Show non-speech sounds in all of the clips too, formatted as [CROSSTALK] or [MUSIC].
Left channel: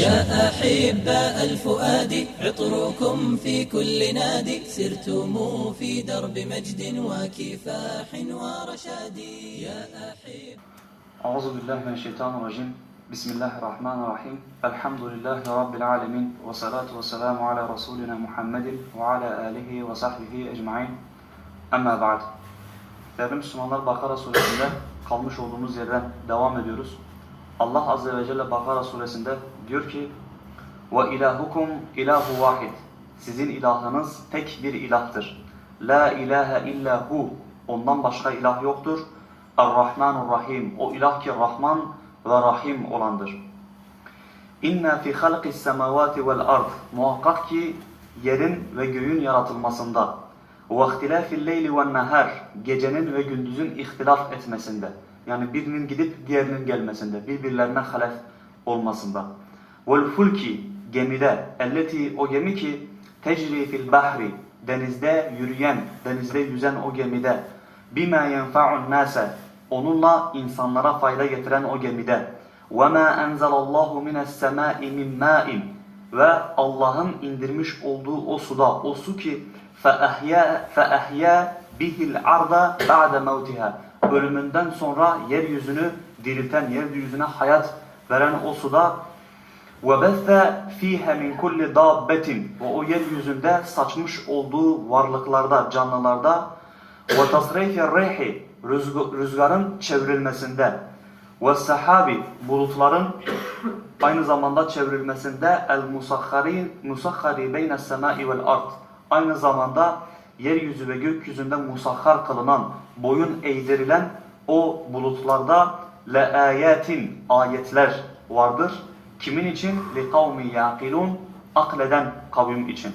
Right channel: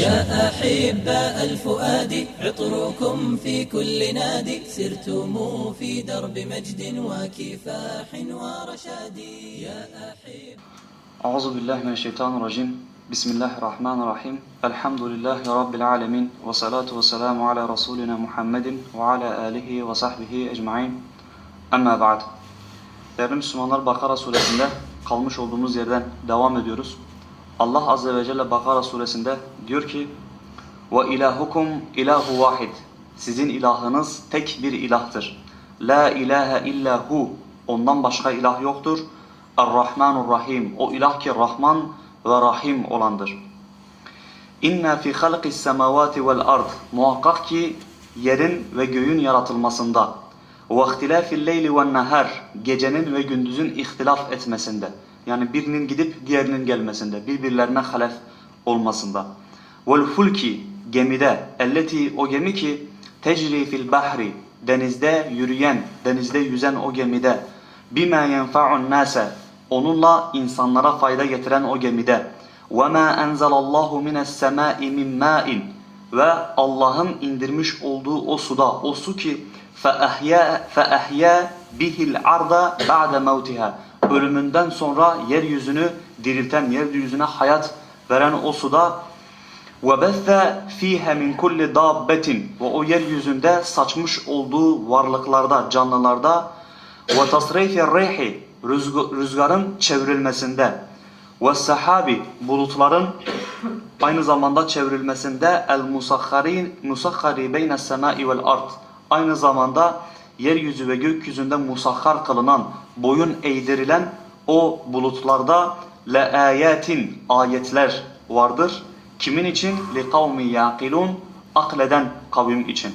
يا أحباء الفؤاد عطركم في كل نادي سرتم في درب مجد وكفاح ورشاد. يا أحب أعوذ بالله من الشيطان الرجيم. بسم الله الرحمن الرحيم. الحمد لله رب العالمين والصلاة والسلام على رسولنا محمد وعلى آله وصحبه أجمعين. أما بعد Değerli Müslümanlar Bakara suresinde kalmış olduğumuz yerden devam ediyoruz. Allah Azze ve Celle Bakara suresinde diyor ki ve ilahukum ilahu vahid. Sizin ilahınız tek bir ilahtır. La ilahe illa hu. Ondan başka ilah yoktur. Er-Rahmanur Rahim. O ilah ki Rahman ve Rahim olandır. İnna fi halqis semavati vel ard. Muhakkak ki yerin ve göğün yaratılmasında ve ihtilafil leyli ve nahar. Gecenin ve gündüzün ihtilaf etmesinde. Yani birinin gidip diğerinin gelmesinde, birbirlerine halef olmasında. Velfulki gemide, elleti o gemi ki tecri fil bahri denizde yürüyen, denizde yüzen o gemide. Bima yenfa'un nase onunla insanlara fayda getiren o gemide. Ve ma enzelallahu mines semai min ma'in ve Allah'ın indirmiş olduğu o suda o su ki fe ahya bihil arda ba'de mevtiha Ölümünden sonra yeryüzünü dirilten, yeryüzüne hayat veren o suda وَبَثَّ ف۪يهَ مِنْ كُلِّ دَابَّةٍ Ve o yeryüzünde saçmış olduğu varlıklarda, canlılarda وَتَصْرَيْفِ الرَّيْحِ Rüzgarın çevrilmesinde وَالسَّحَابِ Bulutların aynı zamanda çevrilmesinde el-musakharin musakhari beyne semai vel ard. Aynı zamanda yeryüzü ve gökyüzünde musakhar kılınan, boyun eğdirilen o bulutlarda le ayatin ayetler vardır. Kimin için? Li kavmi yaqilun akleden kavim için.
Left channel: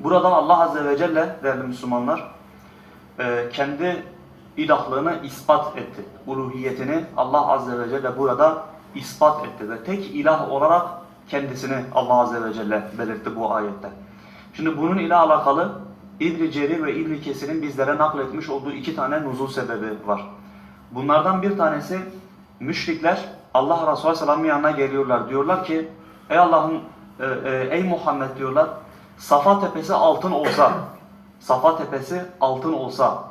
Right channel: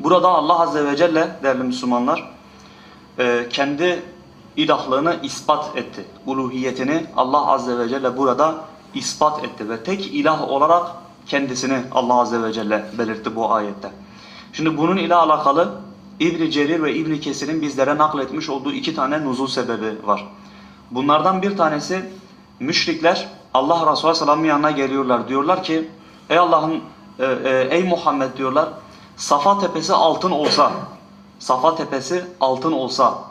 Burada Allah azze ve celle değerli Müslümanlar e, kendi ilahlığını ispat etti. Uluhiyetini Allah azze ve celle burada ispat etti ve tek ilah olarak kendisini Allah azze ve celle belirtti bu ayette. Şimdi bunun ile alakalı İbn Cerir ve İbn Kesir'in bizlere nakletmiş olduğu iki tane nuzul sebebi var. Bunlardan bir tanesi müşrikler Allah Resulü Sallam'ın yanına geliyorlar. Diyorlar ki ey Allah'ın e, e, ey Muhammed diyorlar Safa tepesi altın olsa Safa tepesi altın olsa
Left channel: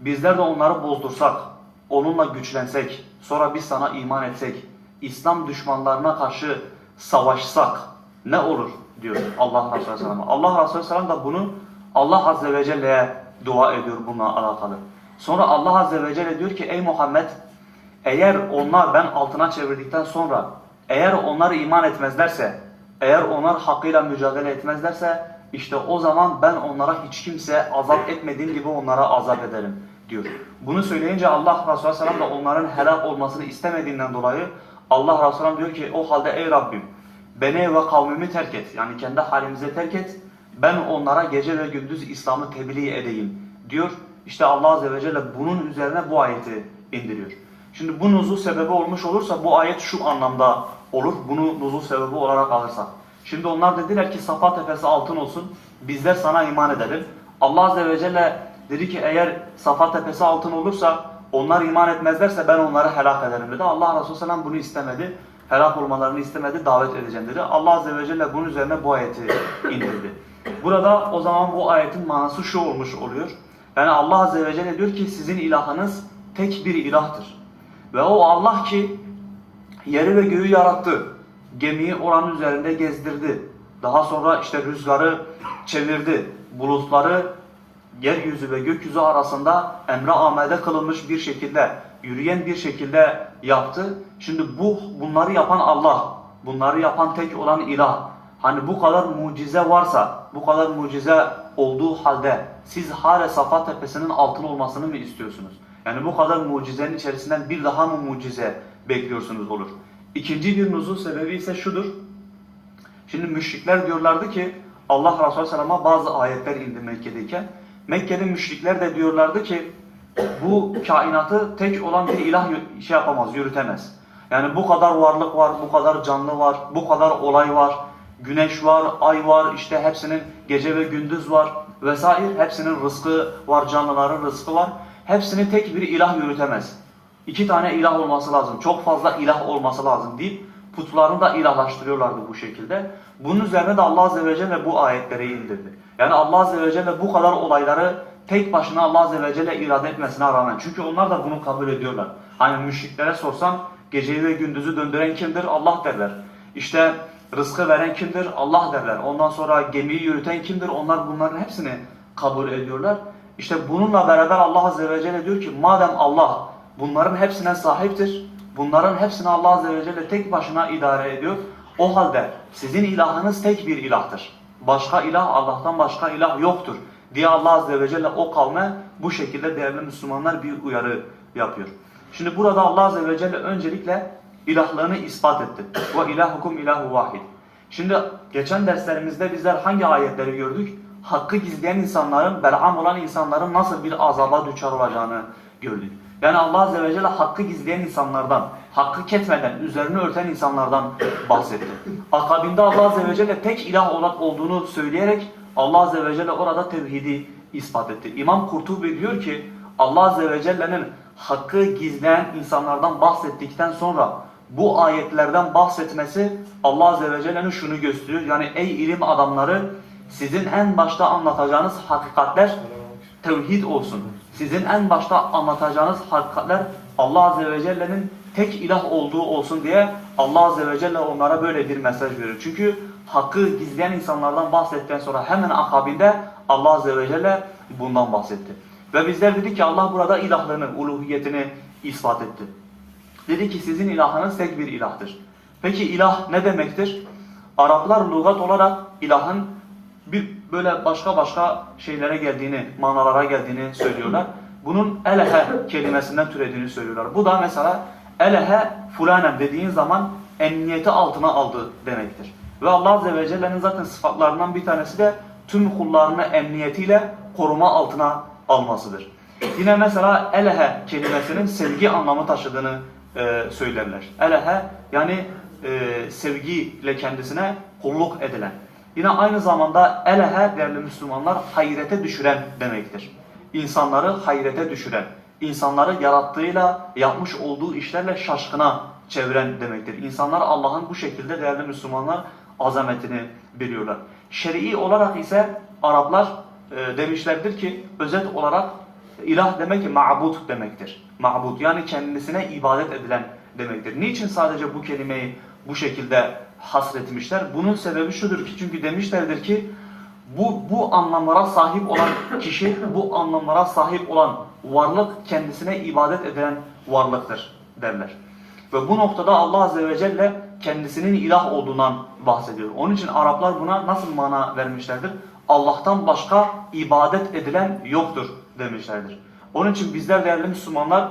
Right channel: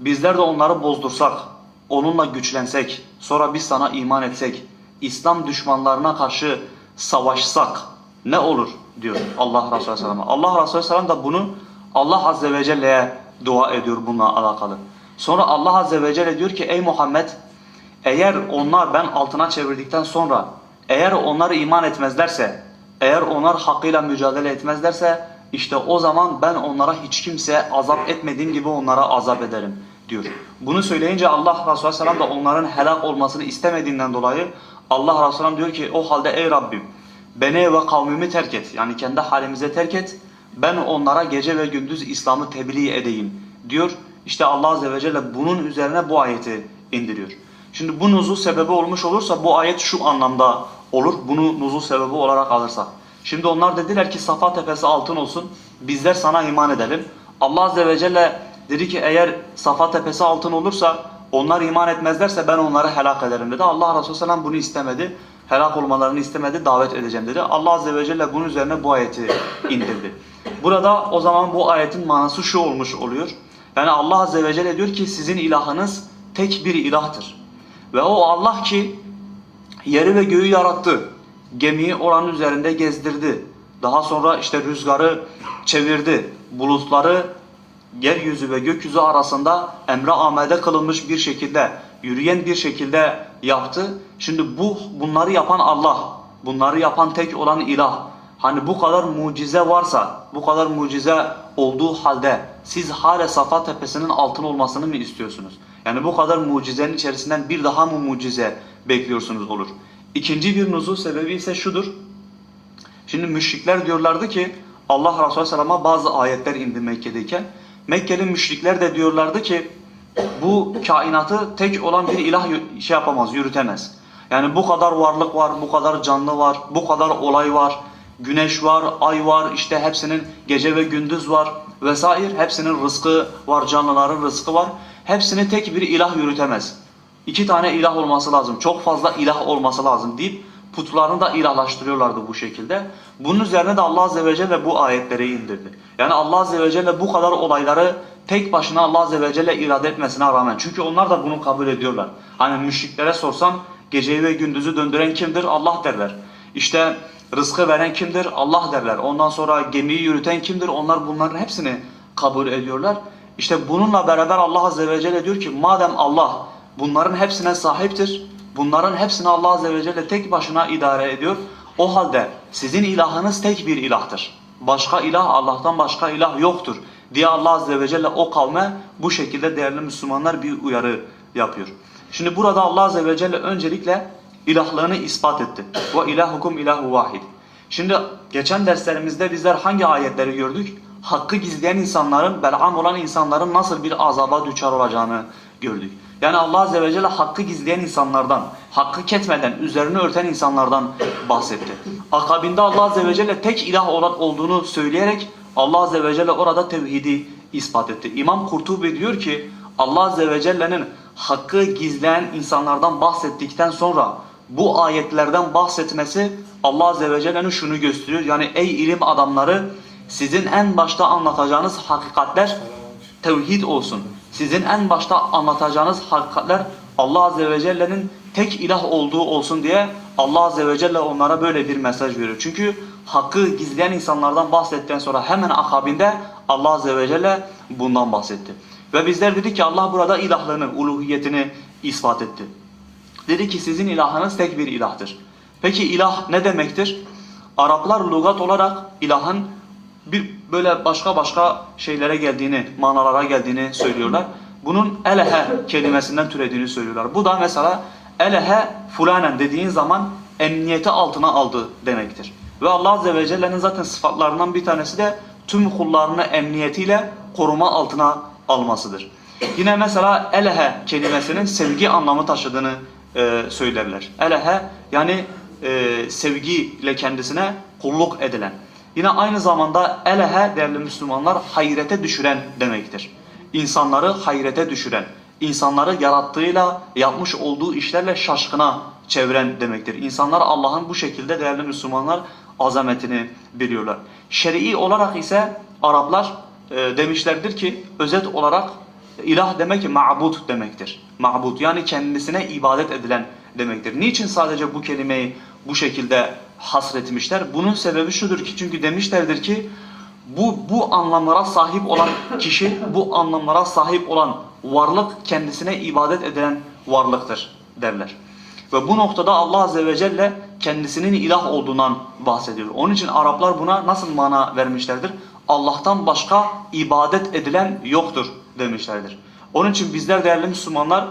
bizler de onları bozdursak onunla güçlensek sonra biz sana iman etsek İslam düşmanlarına karşı savaşsak ne olur diyor Allah Resulü Sallam. Allah Resulü Sallam da bunu Allah Azze ve Celle'ye dua ediyor bununla alakalı. Sonra Allah Azze ve Celle diyor ki ey Muhammed eğer onlar ben altına çevirdikten sonra eğer onlar iman etmezlerse eğer onlar hakkıyla mücadele etmezlerse işte o zaman ben onlara hiç kimseye azap etmediğim gibi onlara azap ederim diyor. Bunu söyleyince Allah Resulü Sallam da onların helak olmasını istemediğinden dolayı Allah Resulü diyor ki o halde ey Rabbim beni ve kavmimi terk et. Yani kendi halimize terk et. Ben onlara gece ve gündüz İslam'ı tebliğ edeyim diyor. İşte Allah Azze ve Celle bunun üzerine bu ayeti indiriyor. Şimdi bu nuzul sebebi olmuş olursa bu ayet şu anlamda olur. Bunu nuzul sebebi olarak alırsak. Şimdi onlar dediler ki Safa tepesi altın olsun. Bizler sana iman edelim. Allah Azze ve Celle dedi ki eğer Safa tepesi altın olursa onlar iman etmezlerse ben onları helak ederim dedi. Allah Resulü Selam bunu istemedi. Helak olmalarını istemedi. Davet edeceğim dedi. Allah Azze ve Celle bunun üzerine bu ayeti indirdi. Burada o zaman bu ayetin manası şu olmuş oluyor. Yani Allah Azze ve Celle diyor ki sizin ilahınız tek bir ilahtır. Ve o Allah ki yeri ve göğü yarattı. Gemiyi oranın üzerinde gezdirdi. Daha sonra işte rüzgarı çevirdi. Bulutları yeryüzü ve gökyüzü arasında emre amede kılınmış bir şekilde, yürüyen bir şekilde yaptı. Şimdi bu bunları yapan Allah, bunları yapan tek olan ilah. Hani bu kadar mucize varsa, bu kadar mucize olduğu halde siz hala Safa tepesinin altın olmasını mı istiyorsunuz? Yani bu kadar mucizenin içerisinden bir daha mı mucize bekliyorsunuz olur? İkinci bir nuzul sebebi ise şudur. Şimdi müşrikler diyorlardı ki Allah Resulü Sallam'a bazı ayetler indi Mekke'deyken. Mekkeli müşrikler de diyorlardı ki bu kainatı tek olan bir ilah şey yapamaz, yürütemez. Yani bu kadar varlık var, bu kadar canlı var, bu kadar olay var. Güneş var, ay var, işte hepsinin gece ve gündüz var vesaire. Hepsinin rızkı var, canlıların rızkı var. Hepsini tek bir ilah yürütemez. İki tane ilah olması lazım, çok fazla ilah olması lazım deyip Putlarını da ilahlaştırıyorlardı bu şekilde. Bunun üzerine de Allah Azze ve Celle bu ayetleri indirdi. Yani Allah Azze ve Celle bu kadar olayları tek başına Allah Azze ve Celle irade etmesine rağmen. Çünkü onlar da bunu kabul ediyorlar. Hani müşriklere sorsan geceyi ve gündüzü döndüren kimdir? Allah derler. İşte rızkı veren kimdir? Allah derler. Ondan sonra gemiyi yürüten kimdir? Onlar bunların hepsini kabul ediyorlar. İşte bununla beraber Allah Azze ve Celle diyor ki madem Allah bunların hepsine sahiptir, bunların hepsini Allah Azze ve Celle tek başına idare ediyor. O halde sizin ilahınız tek bir ilahtır. Başka ilah Allah'tan başka ilah yoktur diye Allah Azze ve Celle o kavme bu şekilde değerli Müslümanlar bir uyarı yapıyor. Şimdi burada Allah Azze ve Celle öncelikle ilahlığını ispat etti. Ve ilahukum ilahu vahid. Şimdi geçen derslerimizde bizler hangi ayetleri gördük? Hakkı gizleyen insanların, bel'am olan insanların nasıl bir azaba düçar olacağını gördük. Yani Allah Azze ve Celle hakkı gizleyen insanlardan, hakkı ketmeden, üzerini örten insanlardan bahsetti. Akabinde Allah Azze ve Celle tek ilah olan olduğunu söyleyerek Allah Azze ve Celle orada tevhidi ispat etti. İmam Kurtubi diyor ki Allah Azze ve Celle'nin hakkı gizleyen insanlardan bahsettikten sonra bu ayetlerden bahsetmesi Allah Azze ve Celle'nin şunu gösteriyor. Yani ey ilim adamları sizin en başta anlatacağınız hakikatler tevhid olsun. Sizin en başta anlatacağınız hakikatler Allah Azze ve Celle'nin tek ilah olduğu olsun diye Allah Azze ve Celle onlara böyle bir mesaj veriyor. Çünkü hakkı gizleyen insanlardan bahsettikten sonra hemen akabinde Allah Azze ve Celle bundan bahsetti. Ve bizler dedik ki Allah burada ilahlığını, uluhiyetini ispat etti. Dedi ki sizin ilahınız tek bir ilahtır. Peki ilah ne demektir? Araplar lügat olarak ilahın bir böyle başka başka şeylere geldiğini, manalara geldiğini söylüyorlar. Bunun elehe kelimesinden türediğini söylüyorlar. Bu da mesela elehe fulanen dediğin zaman emniyeti altına aldı demektir. Ve Allah Azze ve Celle'nin zaten sıfatlarından bir tanesi de tüm kullarını emniyetiyle koruma altına almasıdır. Yine mesela elehe kelimesinin sevgi anlamı taşıdığını e, söylerler. Elehe yani e, sevgiyle kendisine kulluk edilen. Yine aynı zamanda elehe değerli Müslümanlar hayrete düşüren demektir. İnsanları hayrete düşüren, insanları yarattığıyla yapmış olduğu işlerle şaşkına çeviren demektir. İnsanlar Allah'ın bu şekilde değerli Müslümanlar azametini biliyorlar. Şer'i olarak ise Araplar e, demişlerdir ki özet olarak ilah demek ma'bud demektir. Ma'bud yani kendisine ibadet edilen demektir. Niçin sadece bu kelimeyi bu şekilde hasretmişler? Bunun sebebi şudur ki çünkü demişlerdir ki bu bu anlamlara sahip olan kişi, bu anlamlara sahip olan varlık kendisine ibadet edilen varlıktır derler. Ve bu noktada Allah Azze ve Celle kendisinin ilah olduğundan bahsediyor. Onun için Araplar buna nasıl mana vermişlerdir? Allah'tan başka ibadet edilen yoktur demişlerdir. Onun için bizler değerli Müslümanlar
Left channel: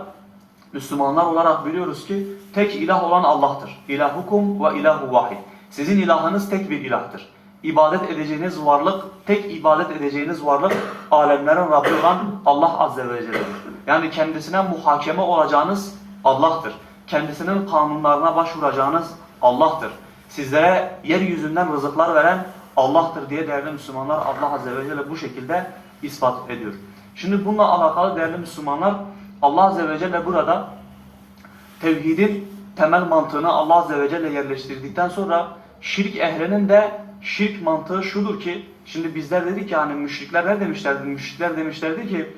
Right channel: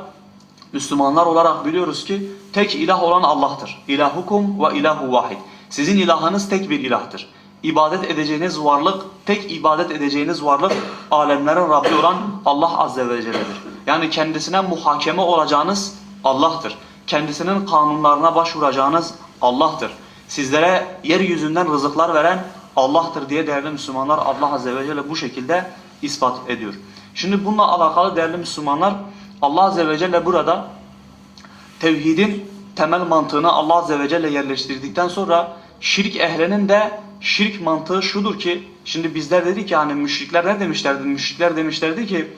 Müslümanlar olarak biliyoruz ki tek ilah olan Allah'tır. İlahukum ve ilahu vahid. Sizin ilahınız tek bir ilahtır. İbadet edeceğiniz varlık, tek ibadet edeceğiniz varlık alemlerin Rabbi olan Allah Azze ve Celle'dir. Yani kendisine muhakeme olacağınız Allah'tır. Kendisinin kanunlarına başvuracağınız Allah'tır. Sizlere yeryüzünden rızıklar veren Allah'tır diye değerli Müslümanlar Allah Azze ve Celle bu şekilde ispat ediyor. Şimdi bununla alakalı değerli Müslümanlar Allah Azze ve Celle burada tevhidin temel mantığını Allah Azze ve Celle yerleştirdikten sonra şirk ehlinin de şirk mantığı şudur ki şimdi bizler dedik ki hani müşrikler ne demişlerdi? Müşrikler demişlerdi ki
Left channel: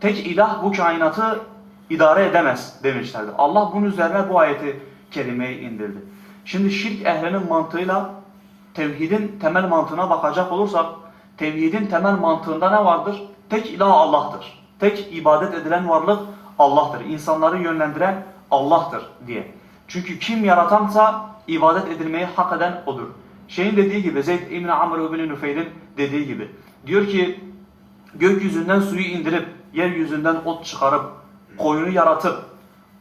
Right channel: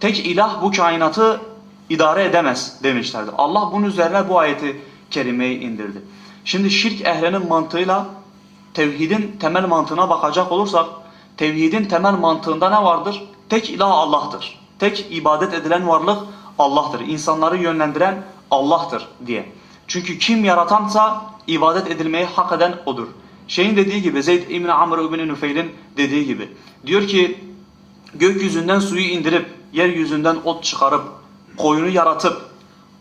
tek ilah bu kainatı idare edemez demişlerdi. Allah bunun üzerine bu ayeti kerimeyi indirdi. Şimdi şirk ehlinin mantığıyla tevhidin temel mantığına bakacak olursak tevhidin temel mantığında ne vardır? Tek ilah Allah'tır. Tek ibadet edilen varlık Allah'tır. İnsanları yönlendiren Allah'tır diye. Çünkü kim yaratansa ibadet edilmeyi hak eden odur. Şeyin dediği gibi Zeyd İbn Amr İbn Nufeyl'in dediği gibi diyor ki gökyüzünden suyu indirip yeryüzünden ot çıkarıp koyunu yaratıp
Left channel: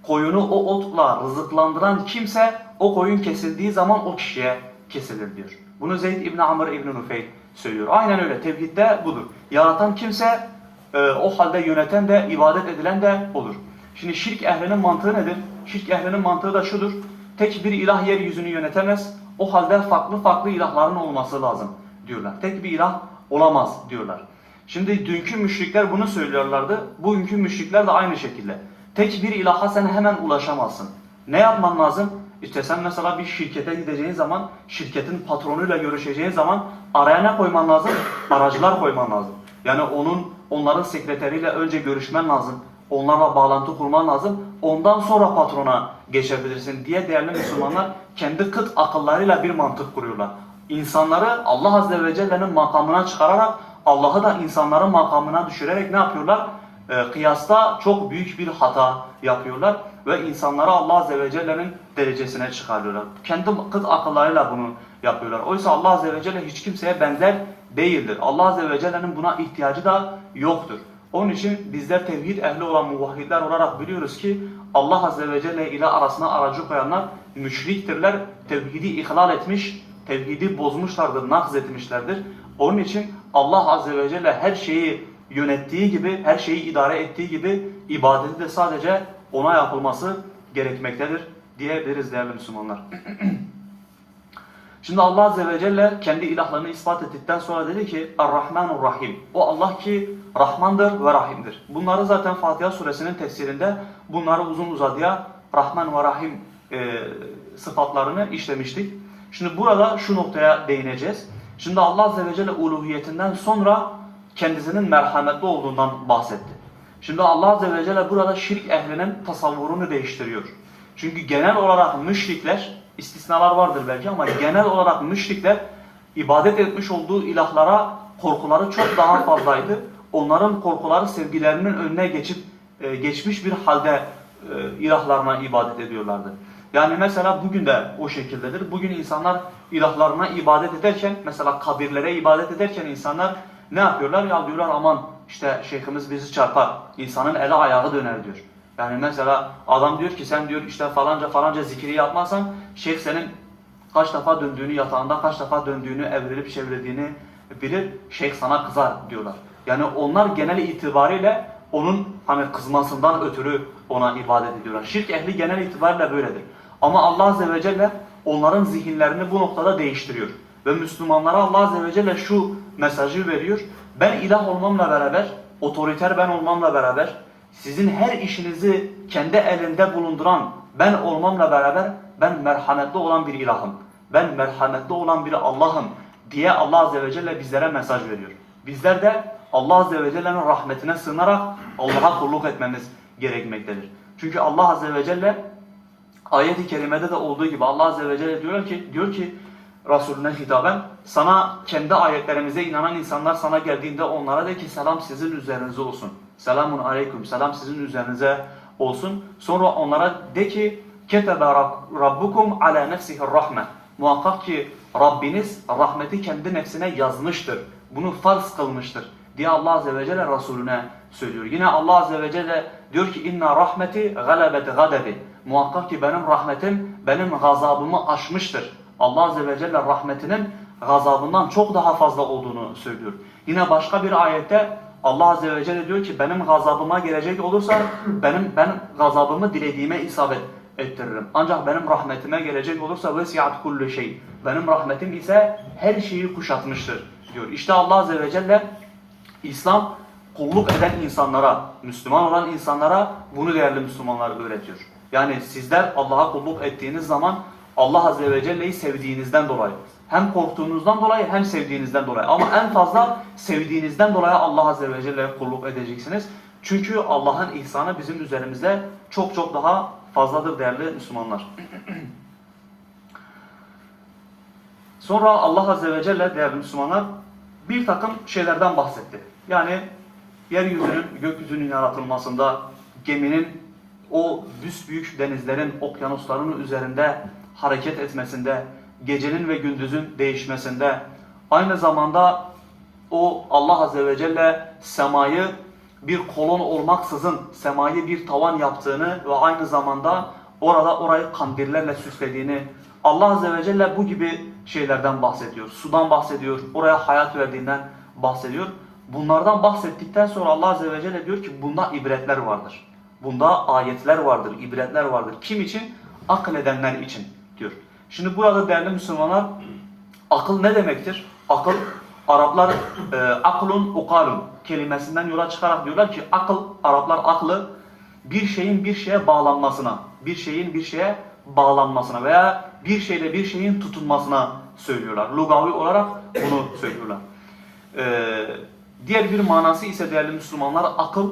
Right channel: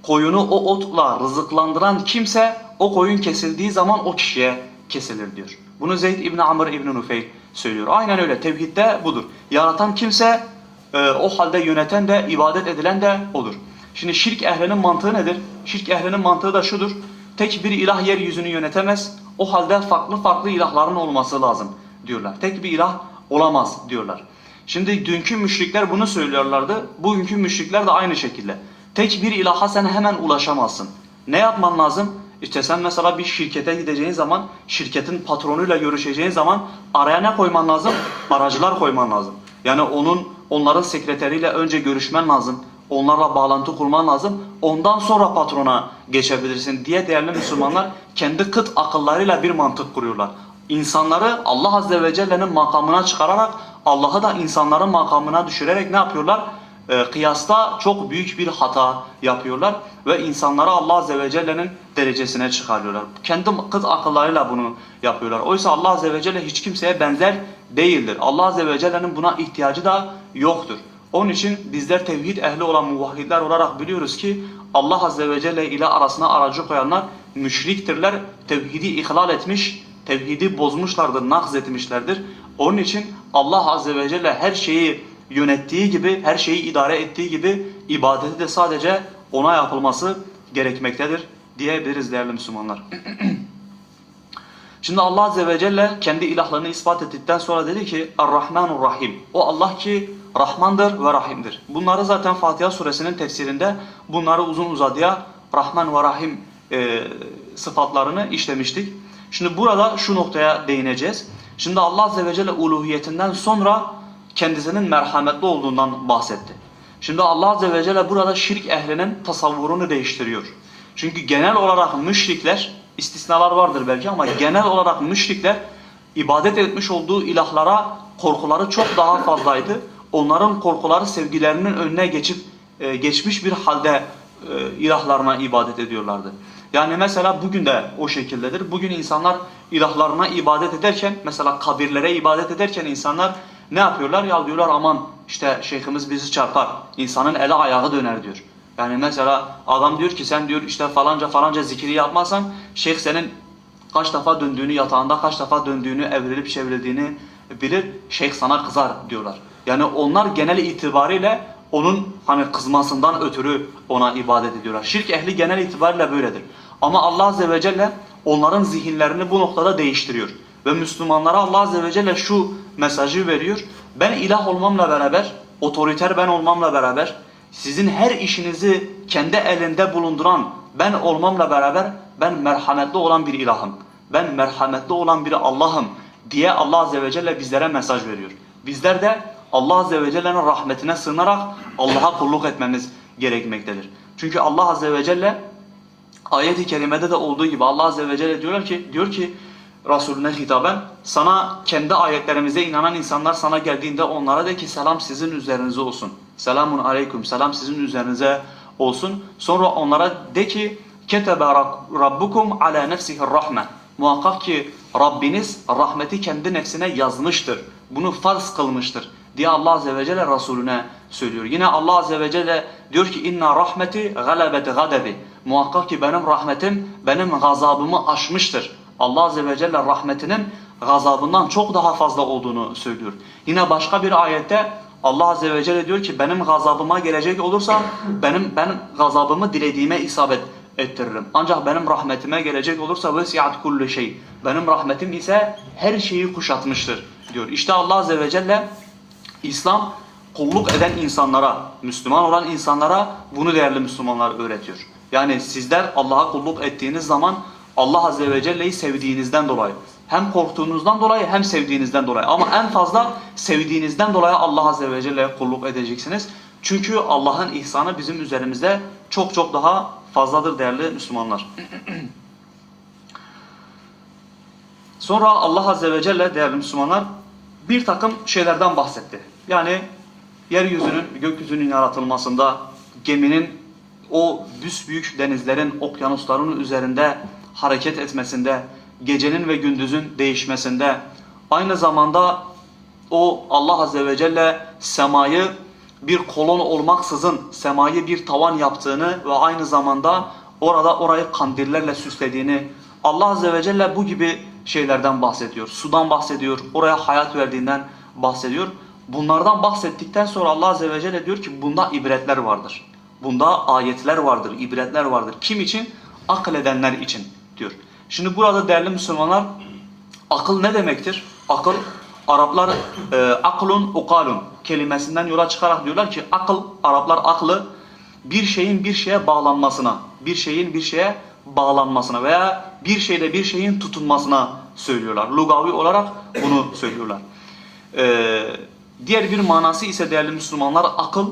koyunu o otla rızıklandıran kimse o koyun kesildiği zaman o kişiye kesilir diyor. Bunu Zeyd İbn Amr İbn Nufeyl söylüyor. Aynen öyle. Tevhidde budur. Yaratan kimse e, o halde yöneten de ibadet edilen de odur. Şimdi şirk ehlinin mantığı nedir? Şirk ehlinin mantığı da şudur. Tek bir ilah yeryüzünü yönetemez. O halde farklı farklı ilahların olması lazım diyorlar. Tek bir ilah olamaz diyorlar. Şimdi dünkü müşrikler bunu söylüyorlardı. Bugünkü müşrikler de aynı şekilde. Tek bir ilaha sen hemen ulaşamazsın. Ne yapman lazım? İşte sen mesela bir şirkete gideceğin zaman, şirketin patronuyla görüşeceğin zaman araya ne koyman lazım? Aracılar koyman lazım. Yani onun onların sekreteriyle önce görüşmen lazım. Onlarla bağlantı kurman lazım. Ondan sonra patrona geçebilirsin diye değerli Müslümanlar kendi kıt akıllarıyla bir mantık kuruyorlar. İnsanları Allah Azze ve Celle'nin makamına çıkararak Allah'ı da insanların makamına düşürerek ne yapıyorlar? Ee, kıyasta çok büyük bir hata yapıyorlar ve insanları Allah Azze ve Celle'nin derecesine çıkarıyorlar. Kendi kıt akıllarıyla bunu yapıyorlar. Oysa Allah Azze ve Celle hiç kimseye benzer değildir. Allah Azze ve Celle'nin buna ihtiyacı da yoktur. Onun için bizler tevhid ehli olan muvahhidler olarak biliyoruz ki Allah Azze ve Celle ile arasına aracı koyanlar müşriktirler. Tevhidi ihlal etmiş, tevhidi bozmuşlardır, nakz etmişlerdir. Onun için Allah Azze ve Celle her şeyi yönettiği gibi, her şeyi idare ettiği gibi ibadeti de sadece ona yapılması gerekmektedir diyebiliriz değerli Müslümanlar. [CLEARS THROAT] Şimdi Allah Azze ve Celle kendi ilahlığını ispat ettikten sonra dedi ki Ar-Rahmanur Rahim. O Allah ki Rahmandır ve Rahim'dir. Bunları zaten Fatiha suresinin tefsirinde bunları uzun uzadıya Rahman ve Rahim e, sıfatlarını işlemiştik. Şimdi burada şu noktaya değineceğiz. Şimdi Allah Azze ve Celle uluhiyetinden sonra kendisinin merhametli olduğundan bahsetti. Şimdi Allah Azze ve Celle burada şirk ehlinin tasavvurunu değiştiriyor. Çünkü genel olarak müşrikler, istisnalar vardır belki ama genel olarak müşrikler ibadet etmiş olduğu ilahlara korkuları çok daha fazlaydı. Onların korkuları sevgilerinin önüne geçip e, geçmiş bir halde e, ilahlarına ibadet ediyorlardı. Yani mesela bugün de o şekildedir. Bugün insanlar ilahlarına ibadet ederken mesela kabirlere ibadet ederken insanlar ne yapıyorlar? Ya diyorlar aman işte şeyhimiz bizi çarpar. İnsanın eli ayağı döner diyor. Yani mesela adam diyor ki sen diyor işte falanca falanca zikri yapmazsan şeyh senin kaç defa döndüğünü yatağında kaç defa döndüğünü evrilip çevrildiğini bilir. Şeyh sana kızar diyorlar. Yani onlar genel itibariyle onun hani kızmasından ötürü ona ibadet ediyorlar. Şirk ehli genel itibariyle böyledir. Ama Allah Azze ve Celle onların zihinlerini bu noktada değiştiriyor. Ve Müslümanlara Allah Azze ve Celle şu mesajı veriyor. Ben ilah olmamla beraber, otoriter ben olmamla beraber, sizin her işinizi kendi elinde bulunduran ben olmamla beraber ben merhametli olan bir ilahım. Ben merhametli olan bir Allah'ım diye Allah Azze ve Celle bizlere mesaj veriyor. Bizler de Allah Azze ve Celle'nin rahmetine sığınarak Allah'a kulluk etmemiz gerekmektedir. Çünkü Allah Azze ve Celle ayet-i kerimede de olduğu gibi Allah Azze ve Celle diyor ki, diyor ki Resulüne hitaben sana kendi ayetlerimize inanan insanlar sana geldiğinde onlara de ki selam sizin üzerinize olsun. Selamun aleyküm selam sizin üzerinize olsun. Sonra onlara de ki ketebe rabbukum ala nefsihi rahme. Muhakkak ki Rabbiniz rahmeti kendi nefsine yazmıştır. Bunu farz kılmıştır diye Allah Azze ve Celle Resulüne söylüyor. Yine Allah Azze ve Celle diyor ki inna rahmeti galebet gadebi. Muhakkak ki benim rahmetim benim gazabımı aşmıştır. Allah Azze ve Celle rahmetinin gazabından çok daha fazla olduğunu söylüyor. Yine başka bir ayette Allah Azze ve Celle diyor ki benim gazabıma gelecek olursa benim ben gazabımı dilediğime isabet ettiririm. Ancak benim rahmetime gelecek olursa vesiat kullu şey. Benim rahmetim ise her şeyi kuşatmıştır diyor. İşte Allah Azze ve Celle İslam kulluk eden insanlara, Müslüman olan insanlara bunu değerli Müslümanlar öğretiyor. Yani sizler Allah'a kulluk ettiğiniz zaman Allah Azze ve Celle'yi sevdiğinizden dolayı hem korktuğunuzdan dolayı hem sevdiğinizden dolayı ama en fazla sevdiğinizden dolayı Allah Azze ve Celle'ye kulluk edeceksiniz. Çünkü Allah'ın ihsanı bizim üzerimizde çok çok daha fazladır değerli Müslümanlar. [CLEARS THROAT] Sonra Allah Azze ve Celle değerli Müslümanlar bir takım şeylerden bahsetti. Yani yeryüzünün, gökyüzünün yaratılmasında, geminin o büsbüyük denizlerin, okyanusların üzerinde hareket etmesinde, gecenin ve gündüzün değişmesinde, aynı zamanda o Allah Azze ve Celle semayı bir kolon olmaksızın semayı bir tavan yaptığını ve aynı zamanda orada orayı kandillerle süslediğini Allah Azze ve Celle bu gibi şeylerden bahsediyor. Sudan bahsediyor, oraya hayat verdiğinden bahsediyor. Bunlardan bahsettikten sonra Allah Azze ve Celle diyor ki bunda ibretler vardır. Bunda ayetler vardır, ibretler vardır. Kim için? Akıl edenler için diyor. Şimdi burada değerli Müslümanlar akıl ne demektir? Akıl Araplar e, aklun ukalun kelimesinden yola çıkarak diyorlar ki akıl Araplar aklı bir şeyin bir şeye bağlanmasına, bir şeyin bir şeye bağlanmasına veya bir şeyle bir şeyin tutunmasına söylüyorlar. Lugavi olarak bunu söylüyorlar. Ee, diğer bir manası ise değerli Müslümanlar akıl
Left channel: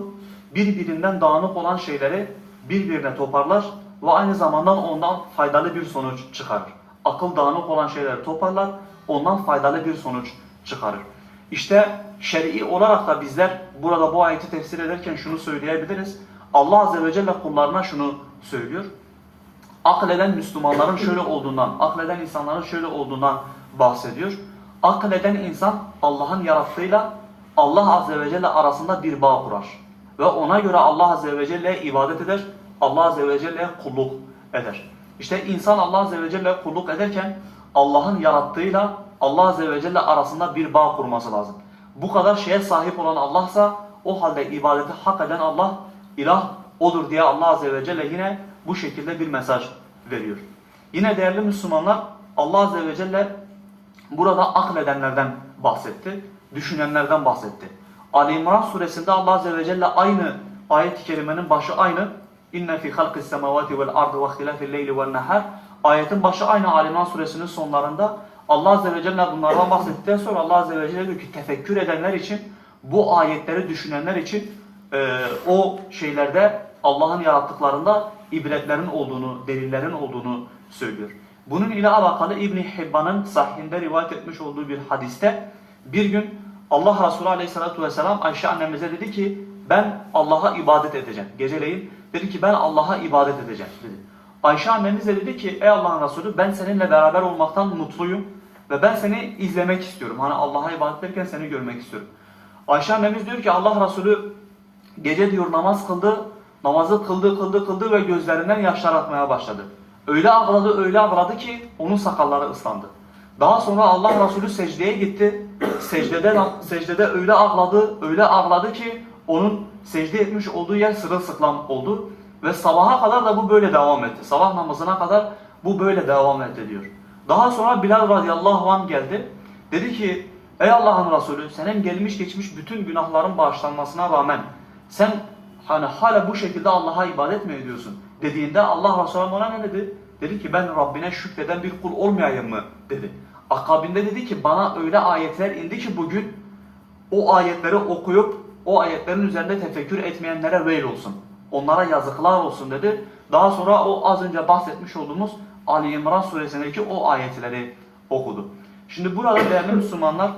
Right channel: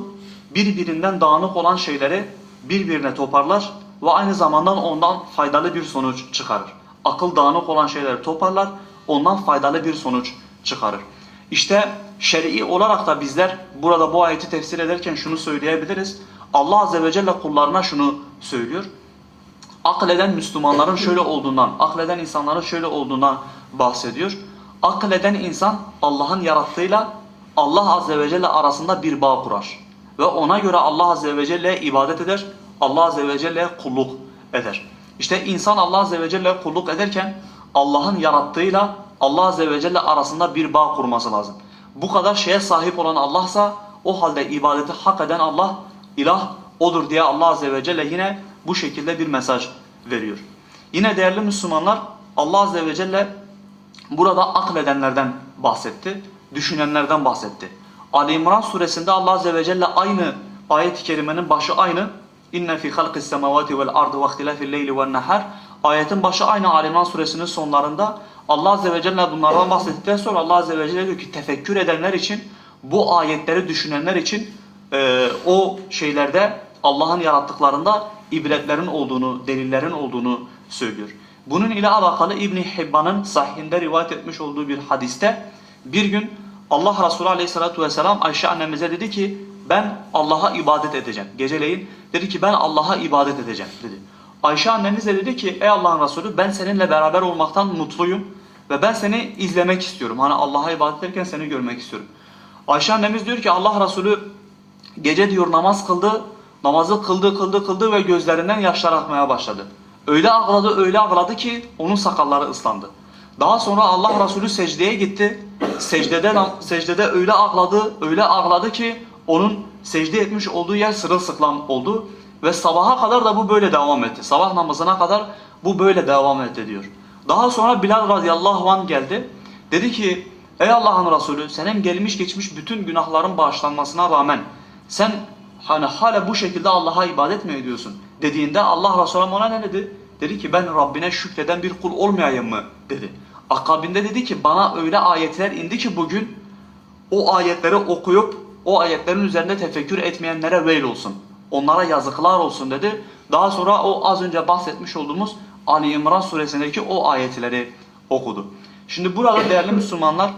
birbirinden dağınık olan şeyleri birbirine toparlar ve aynı zamanda ondan faydalı bir sonuç çıkarır. Akıl dağınık olan şeyleri toparlar, ondan faydalı bir sonuç çıkarır. İşte şer'i olarak da bizler burada bu ayeti tefsir ederken şunu söyleyebiliriz. Allah Azze ve Celle kullarına şunu söylüyor. Akleden Müslümanların şöyle olduğundan, akleden insanların şöyle olduğundan bahsediyor. Akleden insan Allah'ın yarattığıyla Allah Azze ve Celle arasında bir bağ kurar. Ve ona göre Allah Azze ve Celle'ye ibadet eder, Allah Azze ve Celle'ye kulluk eder. İşte insan Allah Azze ve Celle'ye kulluk ederken Allah'ın yarattığıyla Allah Azze ve Celle arasında bir bağ kurması lazım. Bu kadar şeye sahip olan Allah'sa o halde ibadeti hak eden Allah ilah odur diye Allah Azze ve Celle yine bu şekilde bir mesaj veriyor. Yine değerli Müslümanlar Allah Azze ve Celle burada akledenlerden bahsetti, düşünenlerden bahsetti. Ali İmran suresinde Allah Azze ve Celle aynı ayet-i kerimenin başı aynı. İnne fi halqis semavati vel ardı ve ihtilafil leyli ven nahar. Ayetin başı aynı Ali İmran suresinin sonlarında Allah Azze ve Celle bunlardan bahsettikten sonra Allah Azze ve Celle diyor ki tefekkür edenler için bu ayetleri düşünenler için e, o şeylerde Allah'ın yarattıklarında ibretlerin olduğunu, delillerin olduğunu söylüyor. Bunun ile alakalı İbn Hibban'ın sahihinde rivayet etmiş olduğu bir hadiste bir gün Allah Resulü Aleyhisselatü Vesselam Ayşe annemize dedi ki ben Allah'a ibadet edeceğim. Geceleyin dedi ki ben Allah'a ibadet edeceğim dedi. Ayşe annemiz de dedi ki ey Allah'ın Resulü ben seninle beraber olmaktan mutluyum ve ben seni izlemek istiyorum. Hani Allah'a ibadet ederken seni görmek istiyorum. Ayşe annemiz diyor ki Allah Resulü gece diyor namaz kıldı. Namazı kıldı kıldı kıldı ve gözlerinden yaşlar akmaya başladı. Öyle ağladı öyle ağladı ki onun sakalları ıslandı. Daha sonra Allah Resulü secdeye gitti. Secdede, secdede öyle ağladı öyle ağladı ki onun secde etmiş olduğu yer sırılsıklam oldu. Ve sabaha kadar da bu böyle devam etti. Sabah namazına kadar bu böyle devam etti diyor. Daha sonra Bilal radıyallahu anh geldi. Dedi ki ey Allah'ın Resulü senin gelmiş geçmiş bütün günahların bağışlanmasına rağmen sen hani hala bu şekilde Allah'a ibadet mi ediyorsun? Dediğinde Allah Resulü ona ne dedi? Dedi ki ben Rabbine şükreden bir kul olmayayım mı? dedi. Akabinde dedi ki bana öyle ayetler indi ki bugün o ayetleri okuyup o ayetlerin üzerinde tefekkür etmeyenlere veil olsun. Onlara yazıklar olsun dedi. Daha sonra o az önce bahsetmiş olduğumuz Ali İmran suresindeki o ayetleri okudu. Şimdi burada değerli Müslümanlar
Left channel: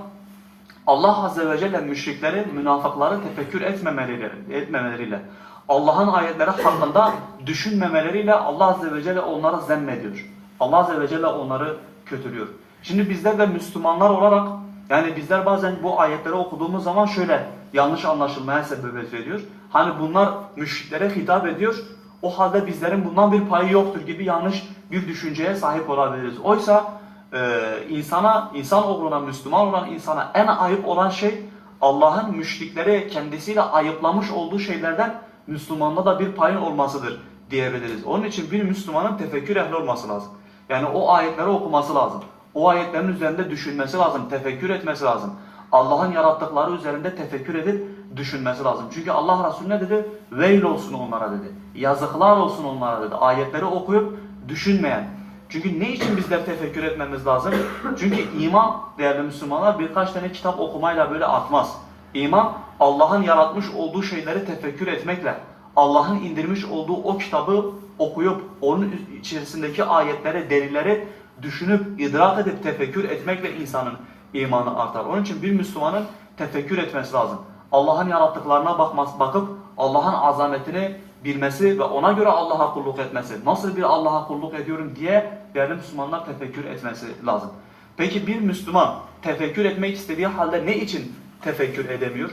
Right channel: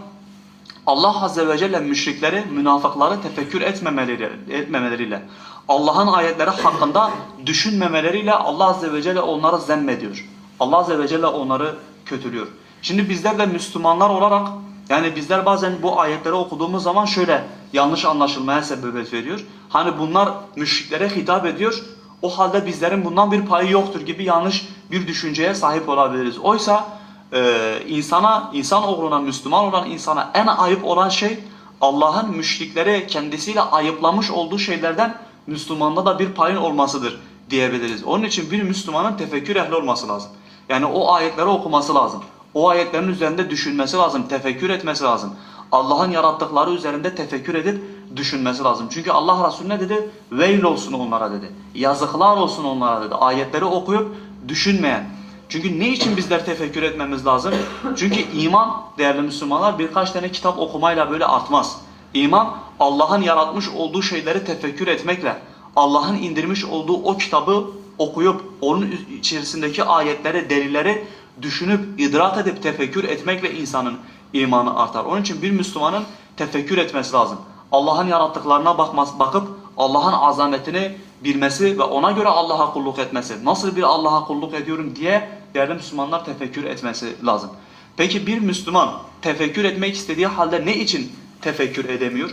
Allah Azze ve Celle müşrikleri, münafıkları tefekkür etmemeleriyle, etmemeleriyle Allah'ın ayetleri hakkında düşünmemeleriyle Allah Azze ve Celle onları zemmediyor. Allah Azze ve Celle onları kötülüyor. Şimdi bizler de Müslümanlar olarak yani bizler bazen bu ayetleri okuduğumuz zaman şöyle yanlış anlaşılmaya sebebiyet veriyor. Hani bunlar müşriklere hitap ediyor. O halde bizlerin bundan bir payı yoktur gibi yanlış bir düşünceye sahip olabiliriz. Oysa e, insana, insan oğluna, Müslüman olan insana en ayıp olan şey Allah'ın müşrikleri kendisiyle ayıplamış olduğu şeylerden Müslümanda da bir payın olmasıdır diyebiliriz. Onun için bir Müslümanın tefekkür ehli olması lazım. Yani o ayetleri okuması lazım. O ayetlerin üzerinde düşünmesi lazım, tefekkür etmesi lazım. Allah'ın yarattıkları üzerinde tefekkür edip düşünmesi lazım. Çünkü Allah Resulü ne dedi? Veil olsun onlara dedi. Yazıklar olsun onlara dedi. Ayetleri okuyup düşünmeyen. Çünkü ne için bizler tefekkür etmemiz lazım? Çünkü iman değerli Müslümanlar birkaç tane kitap okumayla böyle artmaz. İman Allah'ın yaratmış olduğu şeyleri tefekkür etmekle, Allah'ın indirmiş olduğu o kitabı okuyup onun içerisindeki ayetleri, delilleri düşünüp, idrak edip tefekkür etmekle insanın imanı artar. Onun için bir Müslümanın tefekkür etmesi lazım. Allah'ın yarattıklarına bakması, bakıp Allah'ın azametini bilmesi ve ona göre Allah'a kulluk etmesi. Nasıl bir Allah'a kulluk ediyorum diye değerli Müslümanlar tefekkür etmesi lazım. Peki bir Müslüman tefekkür etmek istediği halde ne için tefekkür edemiyor?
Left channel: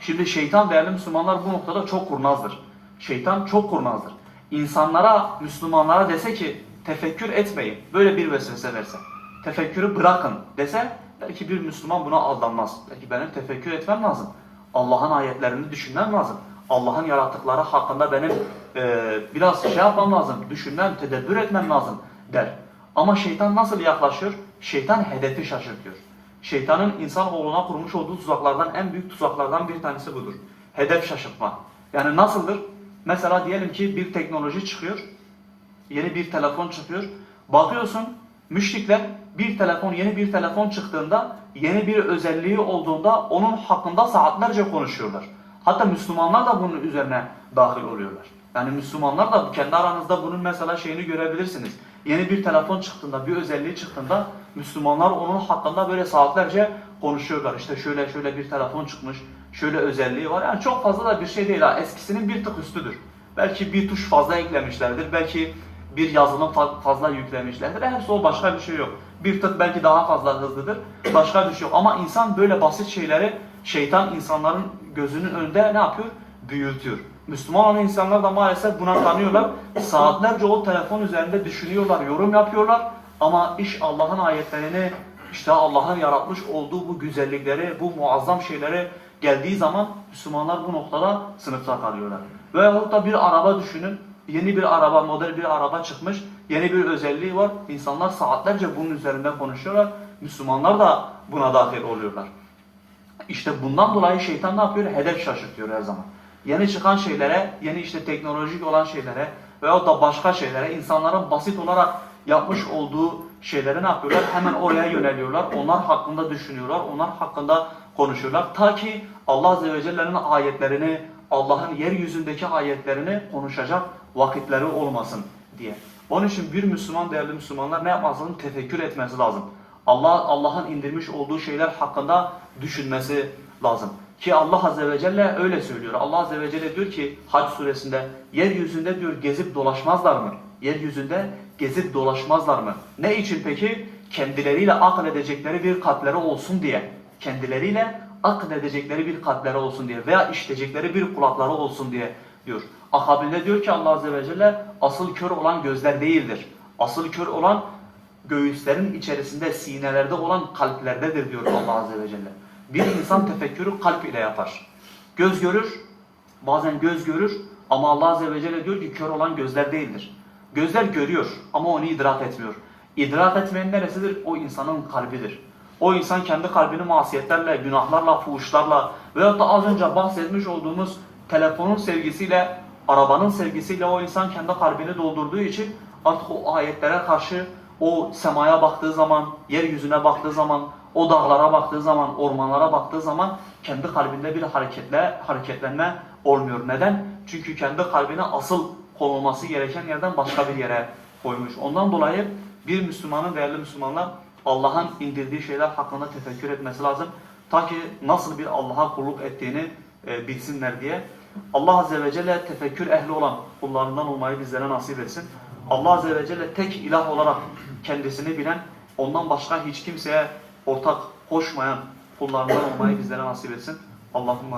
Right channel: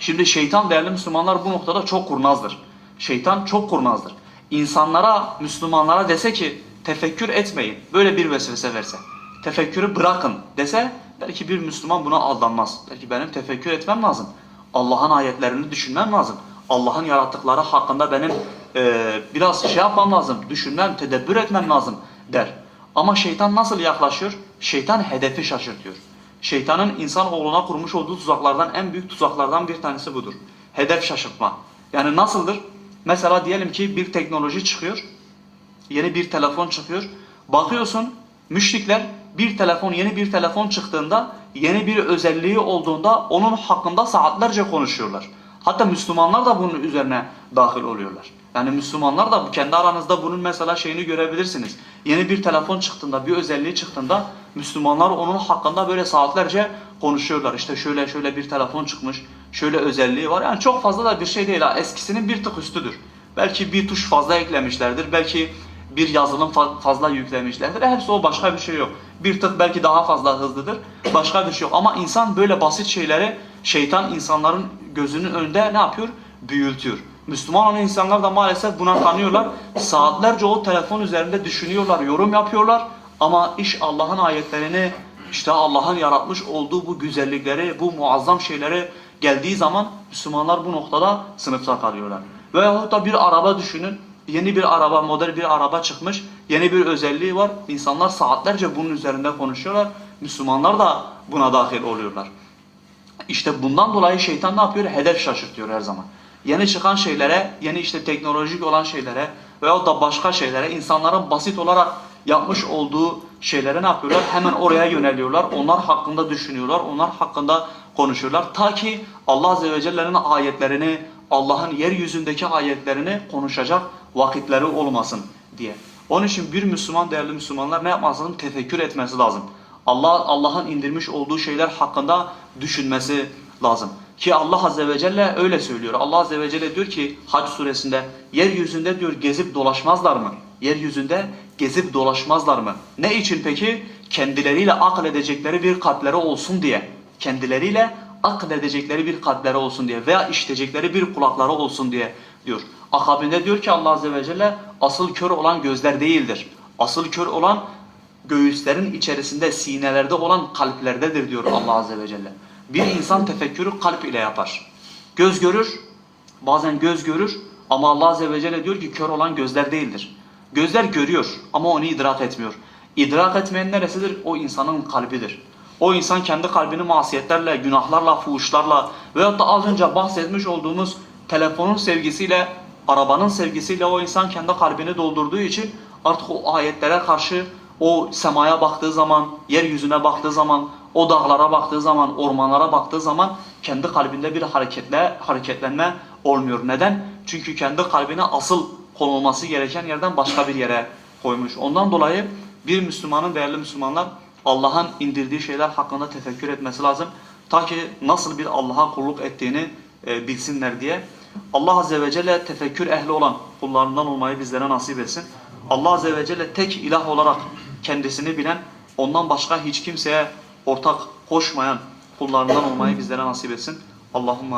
Şimdi şeytan değerli Müslümanlar bu noktada çok kurnazdır. Şeytan çok kurnazdır. İnsanlara, Müslümanlara dese ki tefekkür etmeyin. Böyle bir vesvese verse. Tefekkürü bırakın dese belki bir Müslüman buna aldanmaz. Belki benim tefekkür etmem lazım. Allah'ın ayetlerini düşünmem lazım. Allah'ın yarattıkları hakkında benim e, biraz şey yapmam lazım. Düşünmem, tedebbür etmem lazım der. Ama şeytan nasıl yaklaşıyor? Şeytan hedefi şaşırtıyor. Şeytanın insan oğluna kurmuş olduğu tuzaklardan en büyük tuzaklardan bir tanesi budur. Hedef şaşırtma. Yani nasıldır? Mesela diyelim ki bir teknoloji çıkıyor. Yeni bir telefon çıkıyor. Bakıyorsun müşrikler bir telefon yeni bir telefon çıktığında yeni bir özelliği olduğunda onun hakkında saatlerce konuşuyorlar. Hatta Müslümanlar da bunun üzerine dahil oluyorlar. Yani Müslümanlar da kendi aranızda bunun mesela şeyini görebilirsiniz. Yeni bir telefon çıktığında, bir özelliği çıktığında Müslümanlar onun hakkında böyle saatlerce konuşuyorlar. İşte şöyle şöyle bir telefon çıkmış, şöyle özelliği var. Yani çok fazla da bir şey değil. Eskisinin bir tık üstüdür. Belki bir tuş fazla eklemişlerdir. Belki bir yazılım fa- fazla yüklemişlerdir. Hepsi o başka bir şey yok. Bir tık belki daha fazla hızlıdır. Başka bir şey yok. Ama insan böyle basit şeyleri şeytan insanların gözünün önünde ne yapıyor? Büyütüyor. Müslüman olan insanlar da maalesef buna kanıyorlar. Saatlerce o telefon üzerinde düşünüyorlar, yorum yapıyorlar. Ama iş Allah'ın ayetlerini, işte Allah'ın yaratmış olduğu bu güzellikleri, bu muazzam şeyleri geldiği zaman Müslümanlar bu noktada sınıfta kalıyorlar. Veyahut da bir araba düşünün. Yeni bir araba, model bir araba çıkmış. Yeni bir özelliği var. İnsanlar saatlerce bunun üzerinde konuşuyorlar. Müslümanlar da buna dahil oluyorlar. İşte bundan dolayı şeytan ne yapıyor? Hedef şaşırtıyor her zaman. Yeni çıkan şeylere, yeni işte teknolojik olan şeylere veyahut da başka şeylere insanların basit olarak yapmış olduğu şeylere ne yapıyorlar? Hemen oraya yöneliyorlar. Onlar hakkında düşünüyorlar. Onlar hakkında konuşuyorlar. Ta ki Allah Azze ve Celle'nin ayetlerini, Allah'ın yeryüzündeki ayetlerini konuşacak vakitleri olmasın diye. Onun için bir Müslüman, değerli Müslümanlar ne yapması lazım? Tefekkür etmesi lazım. Allah Allah'ın indirmiş olduğu şeyler hakkında düşünmesi lazım. Ki Allah Azze ve Celle öyle söylüyor. Allah Azze ve Celle diyor ki Hac suresinde yeryüzünde diyor gezip dolaşmazlar mı? Yeryüzünde gezip dolaşmazlar mı? Ne için peki? Kendileriyle akıl edecekleri bir kalpleri olsun diye. Kendileriyle akıl edecekleri bir kalpleri olsun diye veya işitecekleri bir kulakları olsun diye diyor. Akabinde diyor ki Allah Azze ve Celle asıl kör olan gözler değildir. Asıl kör olan göğüslerin içerisinde, sinelerde olan kalplerdedir diyor Allah Azze ve Celle. Bir insan tefekkürü kalp ile yapar. Göz görür, bazen göz görür ama Allah Azze ve Celle diyor ki kör olan gözler değildir. Gözler görüyor ama onu idrak etmiyor. İdrak etmeyen neresidir? O insanın kalbidir. O insan kendi kalbini masiyetlerle, günahlarla, fuhuşlarla veyahut da az önce bahsetmiş olduğumuz telefonun sevgisiyle, arabanın sevgisiyle o insan kendi kalbini doldurduğu için artık o ayetlere karşı o semaya baktığı zaman, yeryüzüne baktığı zaman, o dağlara baktığı zaman, ormanlara baktığı zaman kendi kalbinde bir hareketle hareketlenme olmuyor. Neden? Çünkü kendi kalbine asıl konulması gereken yerden başka bir yere koymuş. Ondan dolayı bir Müslümanın, değerli Müslümanlar Allah'ın indirdiği şeyler hakkında tefekkür etmesi lazım. Ta ki nasıl bir Allah'a kulluk ettiğini e, bilsinler diye. Allah Azze ve Celle tefekkür ehli olan kullarından olmayı bizlere nasip etsin. Allah Azze ve Celle tek ilah olarak kendisini bilen, ondan başka hiç kimseye ortak koşmayan kullarından olmayı bizlere nasip etsin. Allahümme